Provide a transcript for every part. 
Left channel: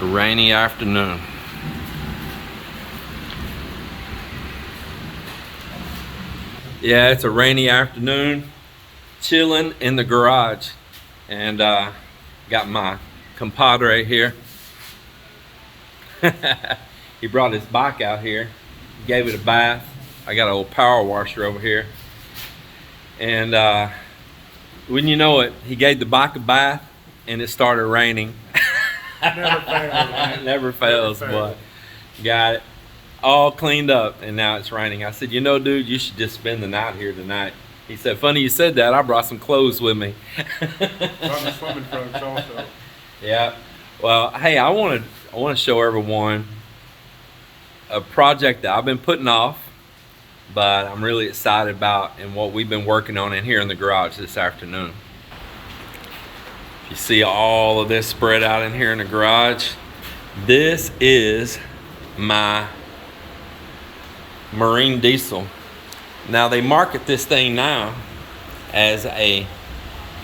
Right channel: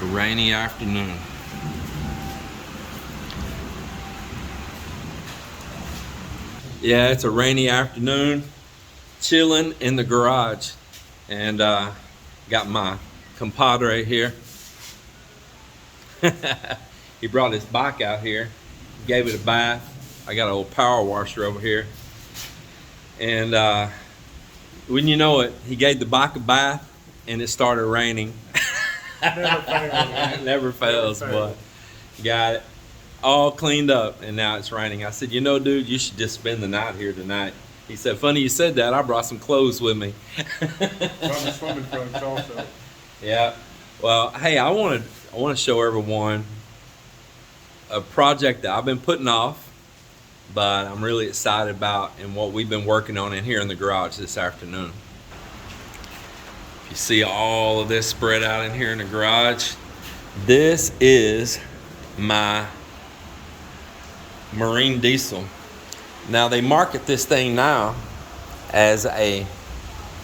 A rainy afternoon. Yeah, it's a rainy afternoon, chilling in the garage, and got my compadre here. He brought his bike out here, gave it a bath. I got an old power washer over here, and wouldn't you know it, he gave the bike a bath and it started raining. Never fails. Never fails, but got it all cleaned up, and now it's raining. I said, you know, dude, you should just spend the night here tonight. He said, funny you said that. I brought some clothes with me. Brought the swimming trunks also. Yeah. Well, hey, I want to show everyone a project that I've been putting off, but I'm really excited about, and what we've been working on in here in the garage this afternoon. You see all of this spread out in here in the garage. This is my marine diesel. Now they market this thing now as a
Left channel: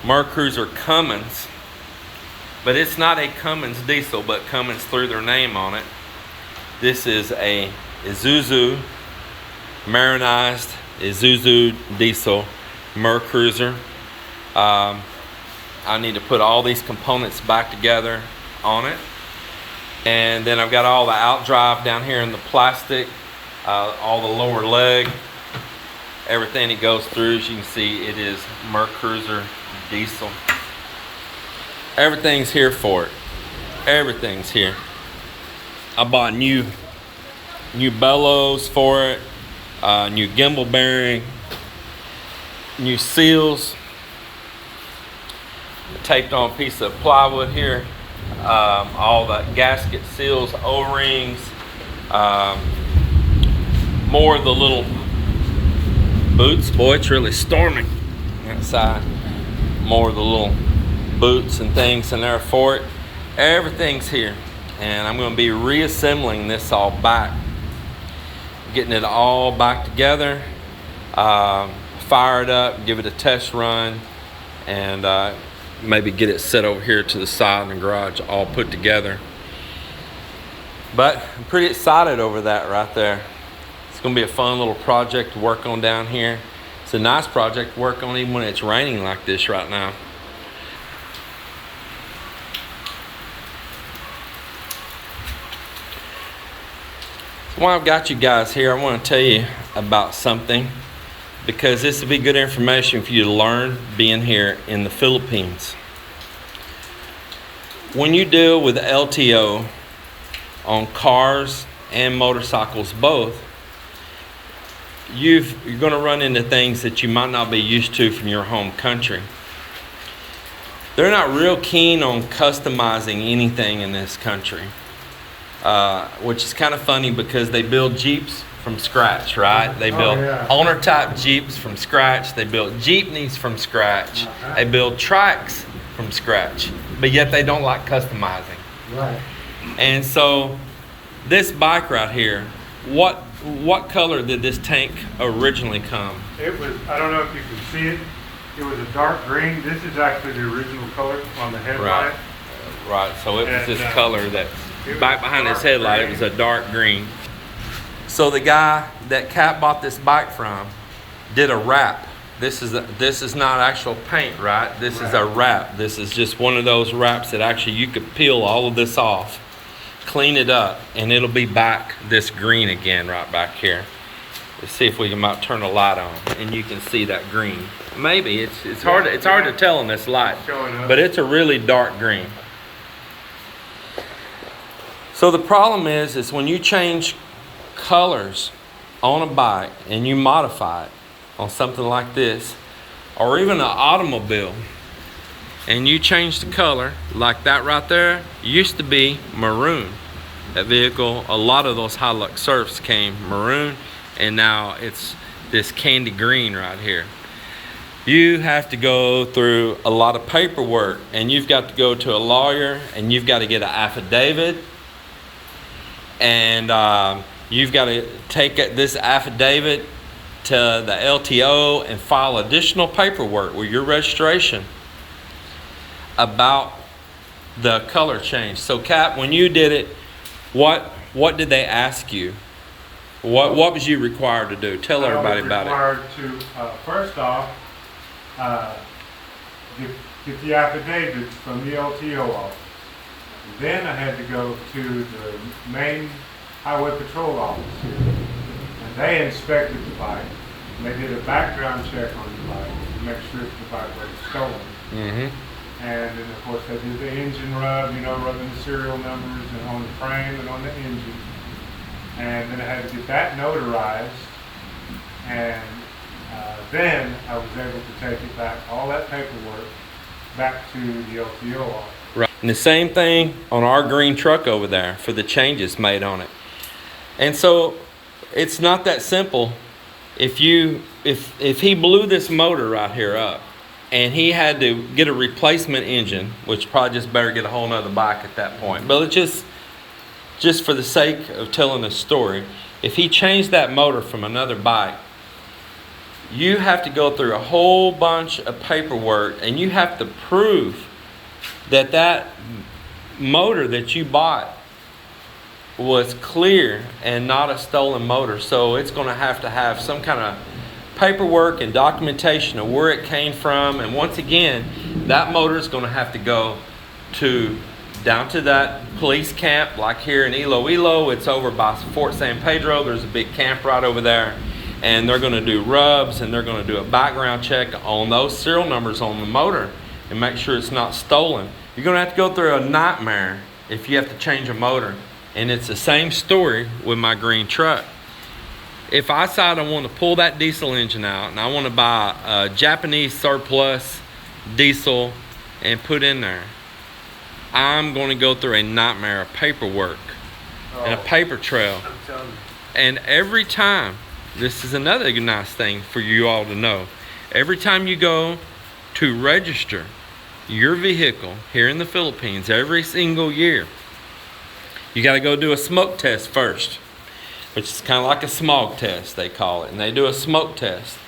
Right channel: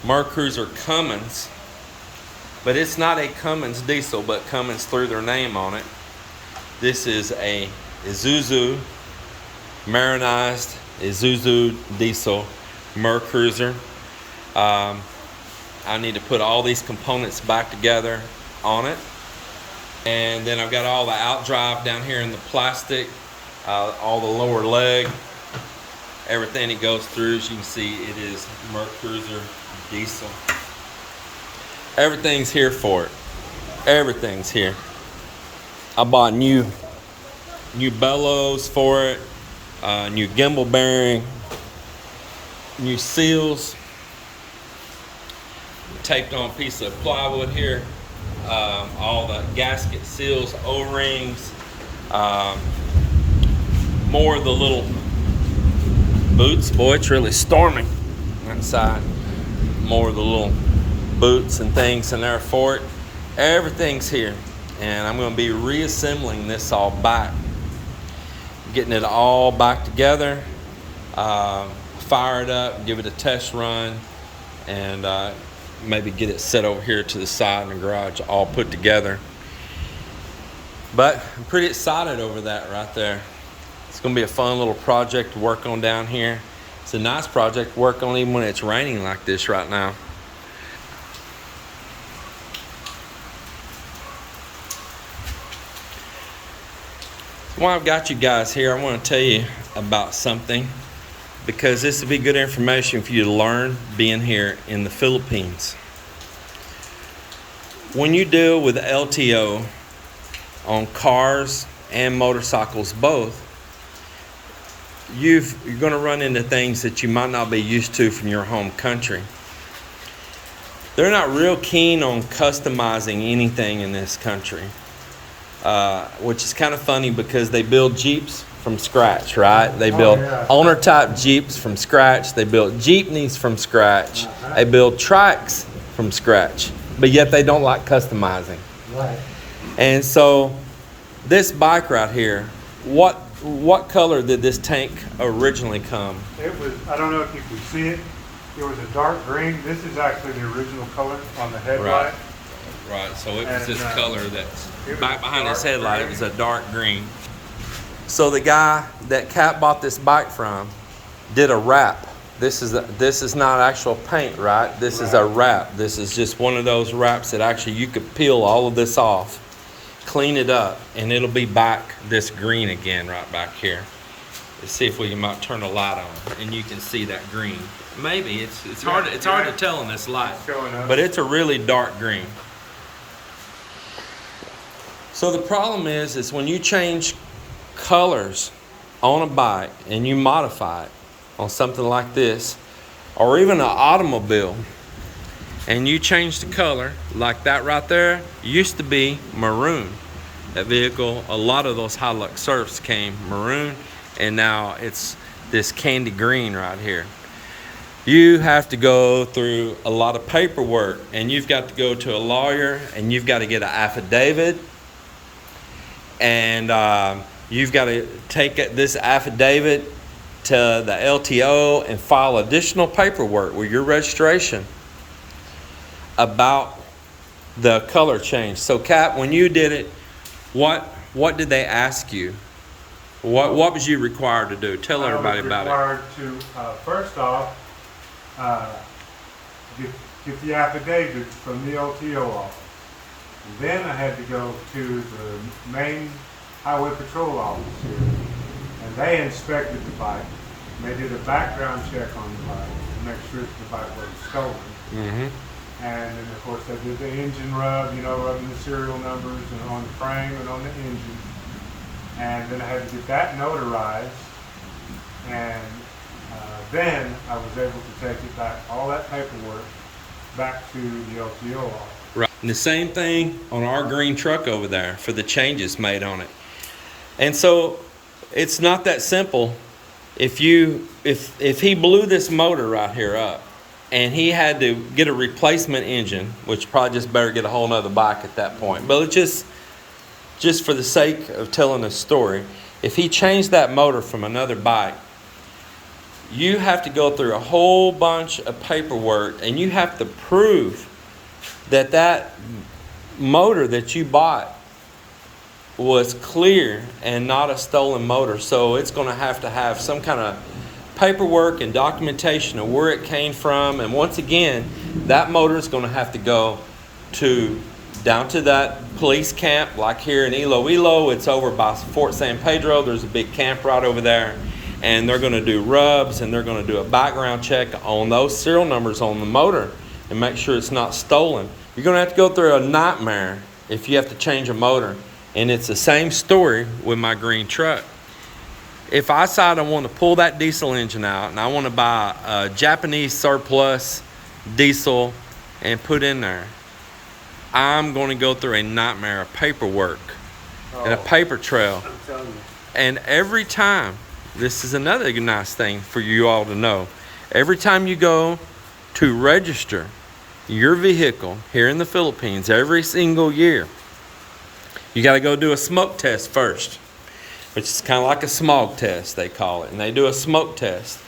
mercrusier Cummins, but it's not a Cummins diesel, but Cummins threw their name on it. This is a Isuzu, marinized Isuzu diesel mercrusier. I need to put all these components back together on it. And then I've got all the outdrive down here in the plastic, all the lower leg, everything it goes through. As you can see, it is mercrusier diesel. Everything's here for it. Everything's here. I bought new bellows for it, new gimbal bearing, new seals, taped on a piece of plywood here, all the gasket seals, O-rings, more of the little boots. Boy, it's really storming outside. More of the little boots and things in there for it. Everything's here, and I'm going to be reassembling this all back, getting it all back together, fire it up, give it a test run, and maybe get it set over here to the side in the garage, all put together. But I'm pretty excited over that right there. It's going to be a fun little project to work on down here. It's a nice project to work on even when it's raining like this right now. So while I've got you guys here, I want to tell you about something, because this would be good information for you to learn being here in the Philippines. When you deal with LTO on cars and motorcycles both, you're going to run into things that you might not be used to from your home country. They're not real keen on customizing anything in this country, which is kind of funny because they build Jeeps from scratch, right? They build owner type Jeeps from scratch. They build Jeepneys from scratch. They build tracks from scratch, but yet they don't like customizing. Right. And so this bike right here, what color did this tank originally come? It was, I don't know if you can see it, it was a dark green. This is actually the original color on the headlight. Right, so it was this color that's back behind this headlight. It was a dark green. So the guy that Cat bought this bike from did a wrap. This is not actual paint, right? This is a wrap. This is just one of those wraps that actually you could peel all of this off, clean it up, and it'll be back this green again right back here. Let's see if we might turn a light on and you can see that green. Maybe it's hard to tell in this light, but it's a really dark green. So the problem is when you change colors on a bike and you modify it on something like this, or even an automobile, and you change the color, like that right there used to be maroon. That vehicle, a lot of those Hilux Surfs came maroon, and now it's this candy green right here. You have to go through a lot of paperwork, and you've got to go to a lawyer, and you've got to get an affidavit, and you've got to take this affidavit to the LTO and file additional paperwork with your registration about the color change. So Cap, when you did it, what did they ask you? What was you required to do? Tell everybody about it. I was required to, first off, get the affidavit from the LTO office. And then I had to go to the main highway patrol office here. And they inspected the bike. And they did a background check on the bike to make sure that the bike wasn't stolen. Mm-hmm. And then, of course, they did the engine rub, rubbing the serial numbers and on the frame and on the engine. And then I had to get that notarized. And then I was able to take it back, all that paperwork, back to the LTO office. Right. And the same thing on our green truck over there for the changes made on it. And so it's not that simple. If he blew this motor right here up and he had to get a replacement engine, which probably just better get a whole nother bike at that point. But it's just for the sake of telling the story, if he changed that motor from another bike, you have to go through a whole bunch of paperwork and you have to prove that motor that you bought was clear and not a stolen motor. So it's going to have some kind of paperwork and documentation of where it came from. And once again, that motor is going to have to go down to that police camp, like here in Iloilo. It's over by Fort San Pedro. There's a big camp right over there. And they're going to do rubs and they're going to do a background check on those serial numbers on the motor and make sure it's not stolen. You're going to have to go through a nightmare if you have to change a motor. And it's the same story with my green truck. If I decide I want to pull that diesel engine out and I want to buy a Japanese surplus diesel and put in there, I'm going to go through a nightmare of paperwork and a paper trail. And every time, this is another nice thing for you all to know, every time you go to register your vehicle here in the Philippines, every single year, you got to go do a smoke test first. It's kind of like a smog test, they call it. And they do a smoke test.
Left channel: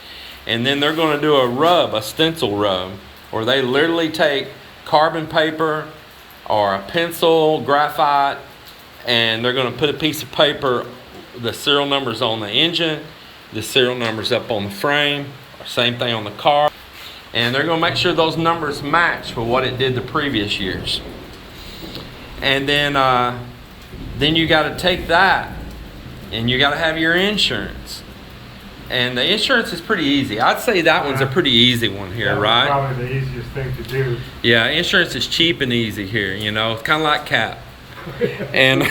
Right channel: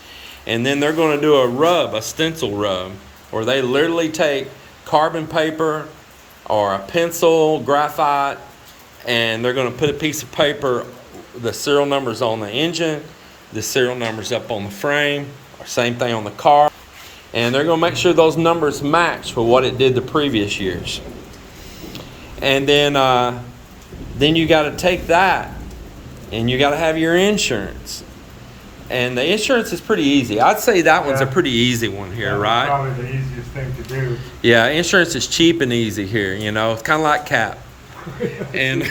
And then they're going to do a stencil rub, where they literally take carbon paper or a pencil, graphite, and they're going to put a piece of paper, the serial numbers on the engine, the serial numbers up on the frame, same thing on the car. And they're going to make sure those numbers match with what it did the previous years. And then you got to take that and you got to have your insurance. And the insurance is pretty easy. I'd say that one's a pretty easy one here, right? Probably the easiest thing to do. Yeah, insurance is cheap and easy here, It's kind of like Cap. And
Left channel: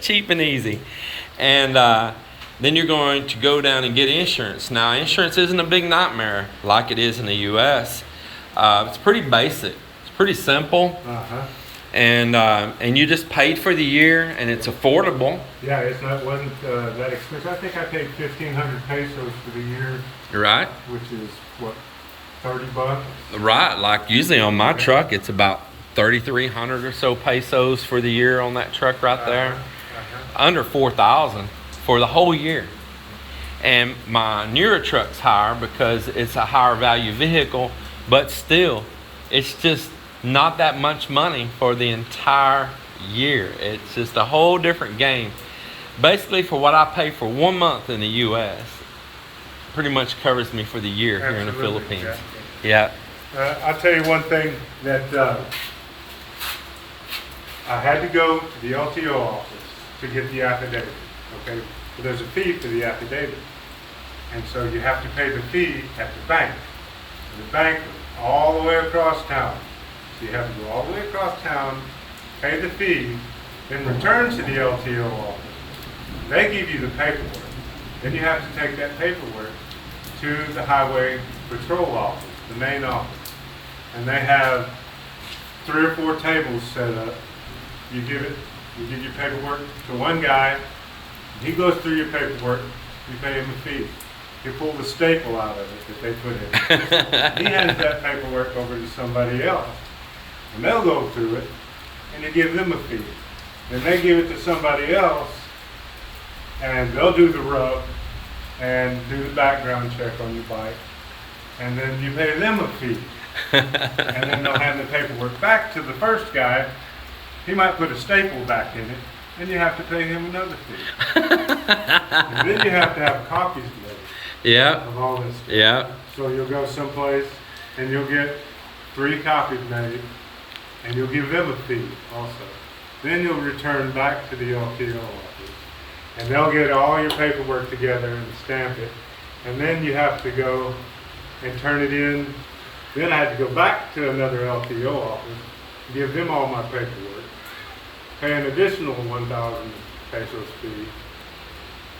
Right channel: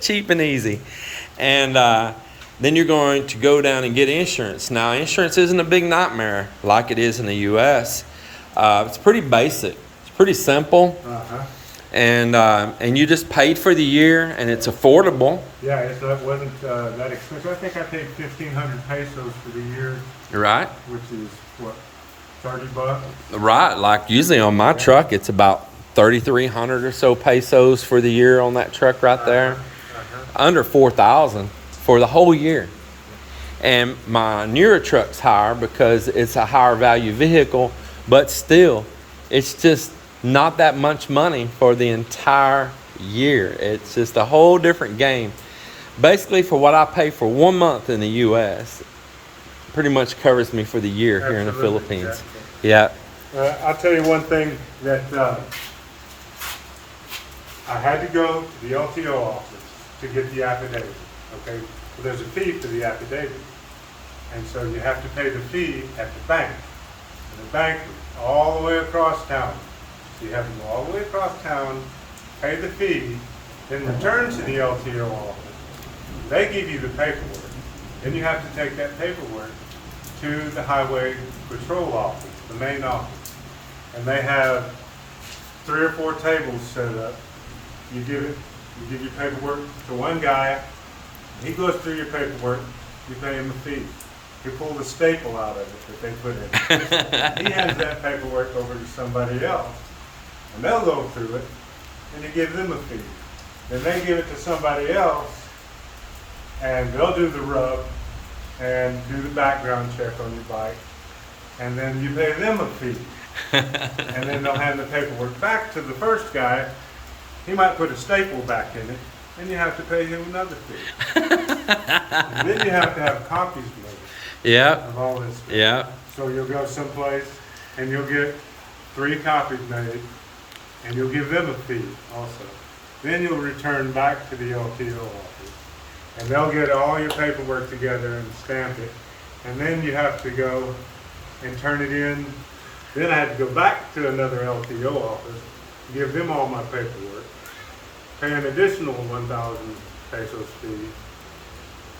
cheap and easy. And then you're going to go down and get insurance. Now, insurance isn't a big nightmare like it is in the U.S. It's pretty basic. It's pretty simple. Uh-huh. And you just paid for the year, and it's affordable. Yeah, it wasn't that expensive. I think I paid 1,500 pesos for the year. Right. Which is, what, $30? Right. Like usually on my truck, it's about 3,300 or so pesos for the year on that truck right there. Under 4,000 for the whole year. And my newer truck's higher because it's a higher value vehicle, but still, it's just not that much money for the entire year. It's just a whole different game. Basically, for what I pay for 1 month in the U.S., pretty much covers me for the year here in the Philippines. Yeah. I'll tell you one thing that I had to go to the LTO office to get the affidavit. Okay, well, there's a fee for the affidavit, and so you have to pay the fee at the bank. And the bank was all the way across town. So you have to go all the way across town, pay the fee, then return to the LTO office. They give you the paperwork. Then you have to take that paperwork to the highway patrol office, the main office. And they have 3 or 4 tables set up. You give your paperwork to one guy, he goes through your paperwork, you pay him a fee. He pulled the staple out of it that they put in. He hands that paperwork over to somebody else, and they'll go through it, and you give them a fee. Then they give it to somebody else, and they'll do the rub and do the background check on your bike, and then you pay them a fee. And then they'll hand the paperwork back to the first guy. He might put a staple back in it, and you have to pay him another fee. And then you have to have copies made of all this stuff. Yeah. So you'll go someplace and you'll get 3 copies made, and you'll give them a fee also. Then you'll return back to the LTO office, and they'll get all your paperwork together and stamp it. And then you have to go and turn it in. Then I had to go back to another LTO office, give them all my paperwork, pay an additional 1,000 pesos fee.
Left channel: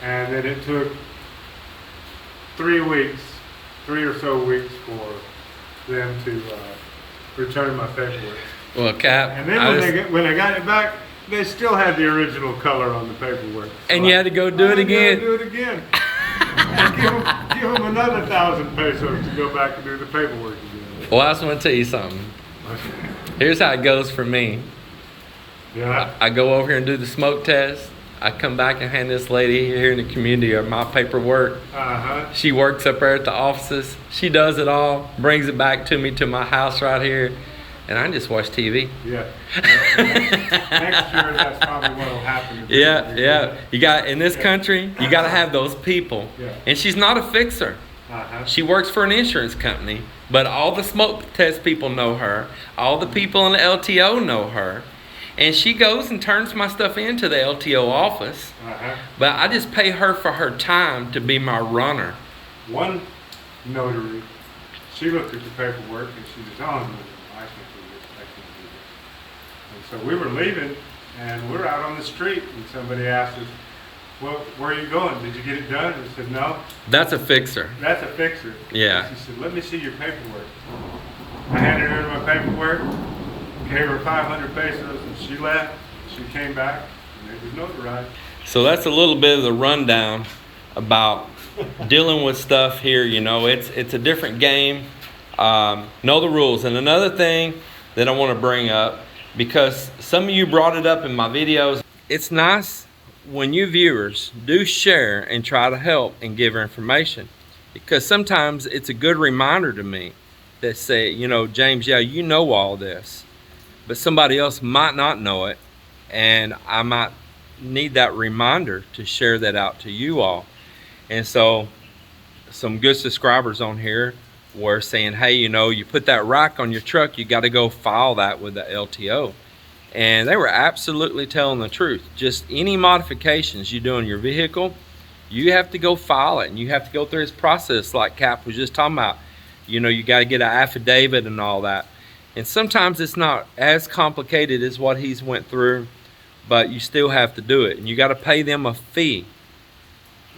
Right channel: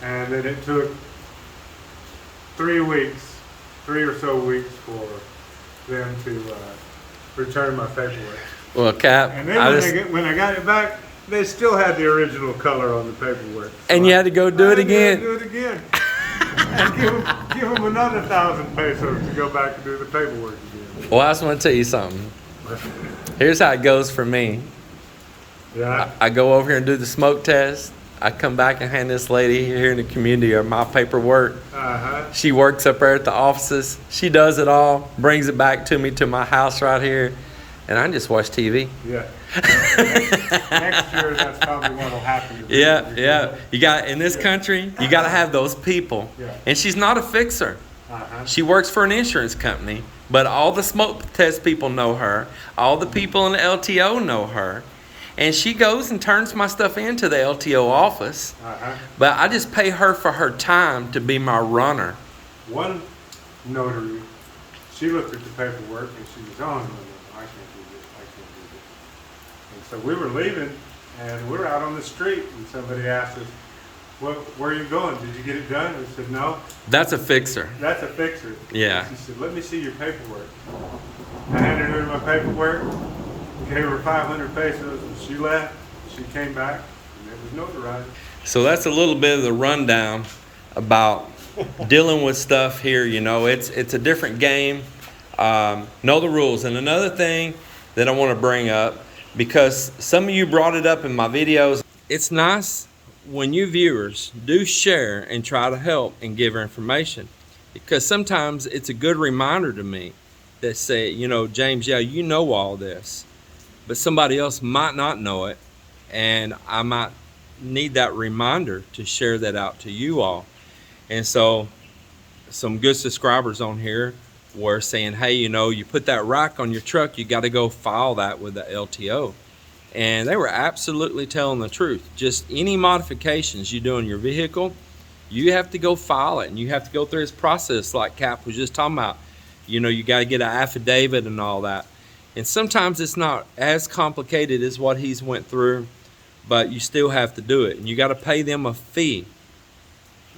And then it took 3 or so weeks for them to return my paperwork. Well, Cap, And then when I got it back, they still had the original color on the paperwork. So and you had to go do it again. Do it again. And give them another 1,000 pesos to go back and do the paperwork again. Well, I just want to tell you something. Here's how it goes for me. Yeah. I go over here and do the smoke test. I come back and hand this lady here in the community my paperwork. She works up there at the offices. She does it all, brings it back to me to my house right here, and I just watch TV. Yeah. Next year, that's probably what will happen. Yeah. You got in this country, you got to have those people. Yeah. And she's not a fixer. She works for an insurance company, but all the smoke test people know her. All the people in the LTO know her. And she goes and turns my stuff into the LTO office. But I just pay her for her time to be my runner. One notary, she looked at the paperwork and she said, oh, no, I can't do this, I can't do this. And so we were leaving and we're out on the street and somebody asked us, well, where are you going? Did you get it done? And I said, no. That's a fixer. That's a fixer. Yeah. And she said, let me see your paperwork. I handed her my paperwork, gave her 500 pesos, and she left. She came back, and it was notarized. So that's a little bit of the rundown about dealing with stuff here. You know, it's a different game. Know the rules. And another thing that I want to bring up, because some of you brought it up in my videos, it's nice when you viewers do share and try to help and give her information, because sometimes it's a good reminder to me that say, you know, James, yeah, you know all this, but somebody else might not know it, and I might need that reminder to share that out to you all. And so some good subscribers on here were saying, hey, you know, you put that rack on your truck, you got to go file that with the LTO. And they were absolutely telling the truth. Just any modifications you do on your vehicle, you have to go file it, and you have to go through this process like Cap was just talking about. You know, you got to get an affidavit and all that. And sometimes it's not as complicated as what he's went through, but you still have to do it. And you got to pay them a fee.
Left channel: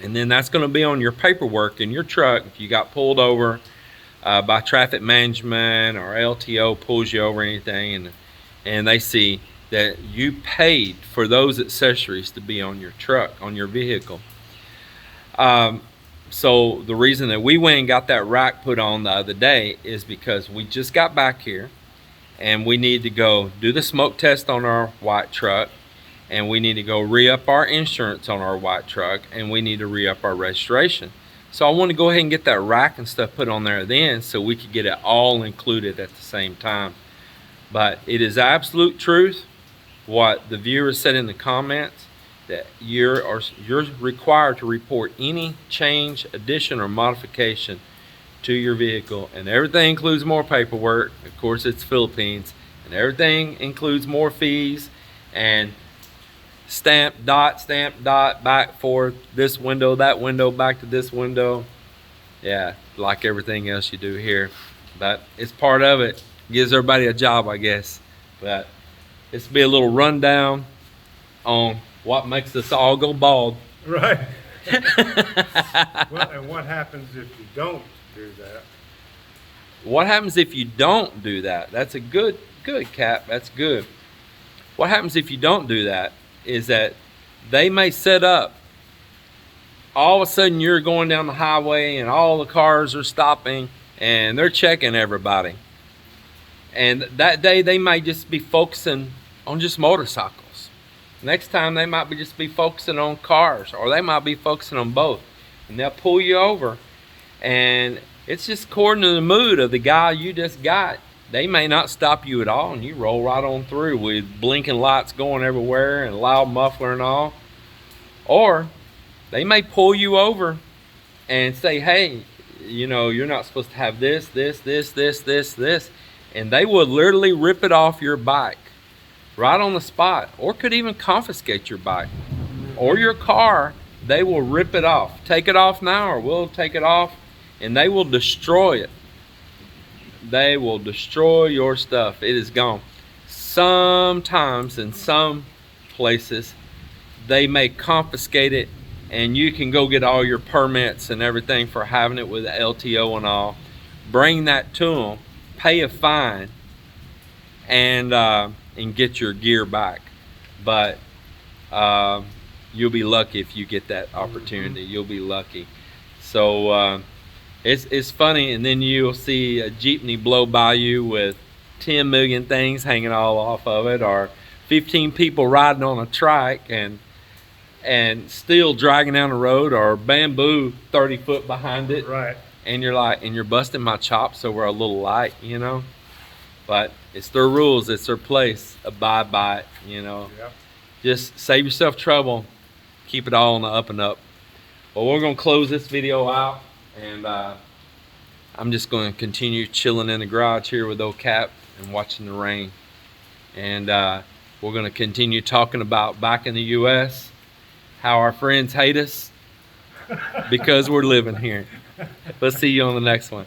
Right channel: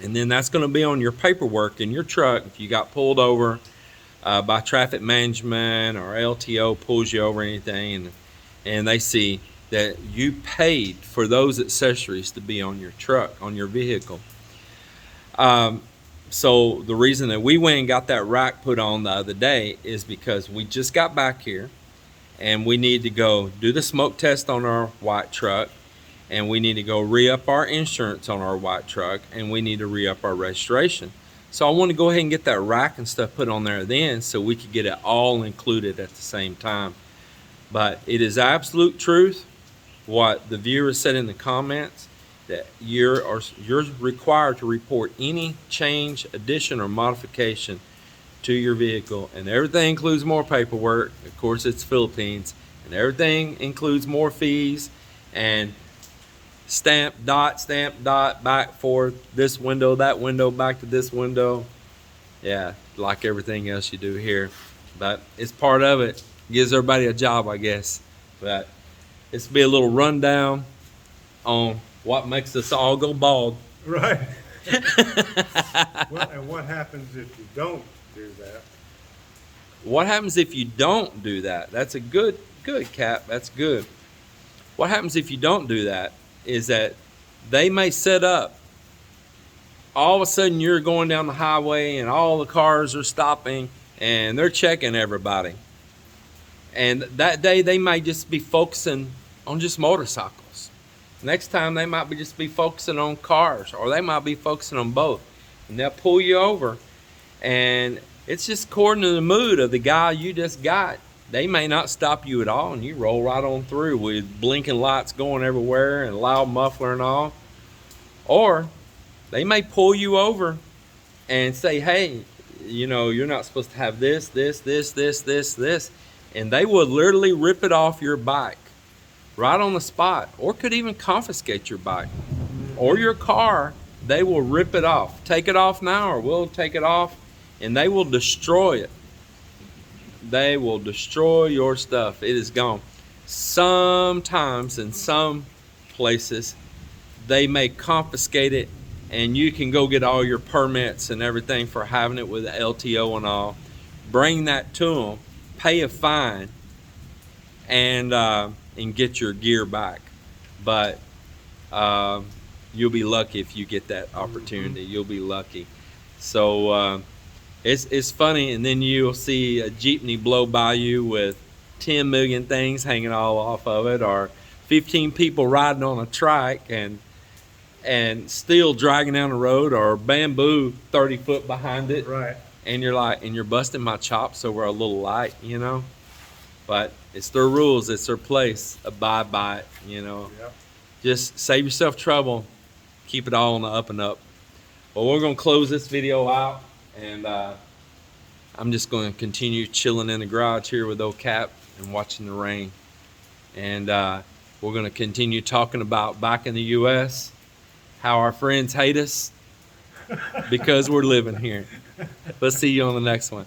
And then that's going to be on your paperwork in your truck. If you got pulled over by traffic management or LTO pulls you over or anything, and they see that you paid for those accessories to be on your truck, on your vehicle. So the reason that we went and got that rack put on the other day is because we just got back here and we need to go do the smoke test on our white truck, and we need to go re-up our insurance on our white truck, and we need to re-up our registration. So I want to go ahead and get that rack and stuff put on there then, so we could get it all included at the same time. But it is absolute truth what the viewers said in the comments, that you're required to report any change, addition, or modification to your vehicle. And everything includes more paperwork. Of course, it's Philippines. And everything includes more fees and stamp, dot, back, forth, this window, that window, back to this window. Yeah, like everything else you do here. But it's part of it. Gives everybody a job, I guess. But this will be a little rundown on what makes us all go bald. Right. Well, and what happens if you don't do that? What happens if you don't do that? That's a good Cap. That's good. What happens if you don't do that is that they may set up, all of a sudden you're going down the highway and all the cars are stopping and they're checking everybody. And that day they may just be focusing on just motorcycles. Next time they might just be focusing on cars, or they might be focusing on both. And they'll pull you over, and it's just according to the mood of the guy you just got. They may not stop you at all, and you roll right on through with blinking lights going everywhere and loud muffler and all. Or they may pull you over and say, hey, you know, you're not supposed to have this, and they will literally rip it off your bike right on the spot, or could even confiscate your bike or your car. They will rip it off. Take it off now, or we'll take it off, and they will destroy it. They will destroy your stuff. It is gone. Sometimes in some places they may confiscate it, and you can go get all your permits and everything for having it with the LTO and all. Bring that to them, pay a fine, and get your gear back. But you'll be lucky if you get that opportunity. You'll be lucky. So it's funny, and then you'll see a jeepney blow by you with 10 million things hanging all off of it, or 15 people riding on a trike and still dragging down the road, or bamboo 30 foot behind it. Right. And you're like, and you're busting my chops over a little light, you know. But it's their rules, it's their place. Abide by it, you know. Yep. Just save yourself trouble. Keep it all on the up and up. Well, we're gonna close this video out, and I'm just gonna continue chilling in the garage here with old Cap and watching the rain. And we're gonna continue talking about back in the US, how our friends hate us because we're living here. Let's see you on the next one.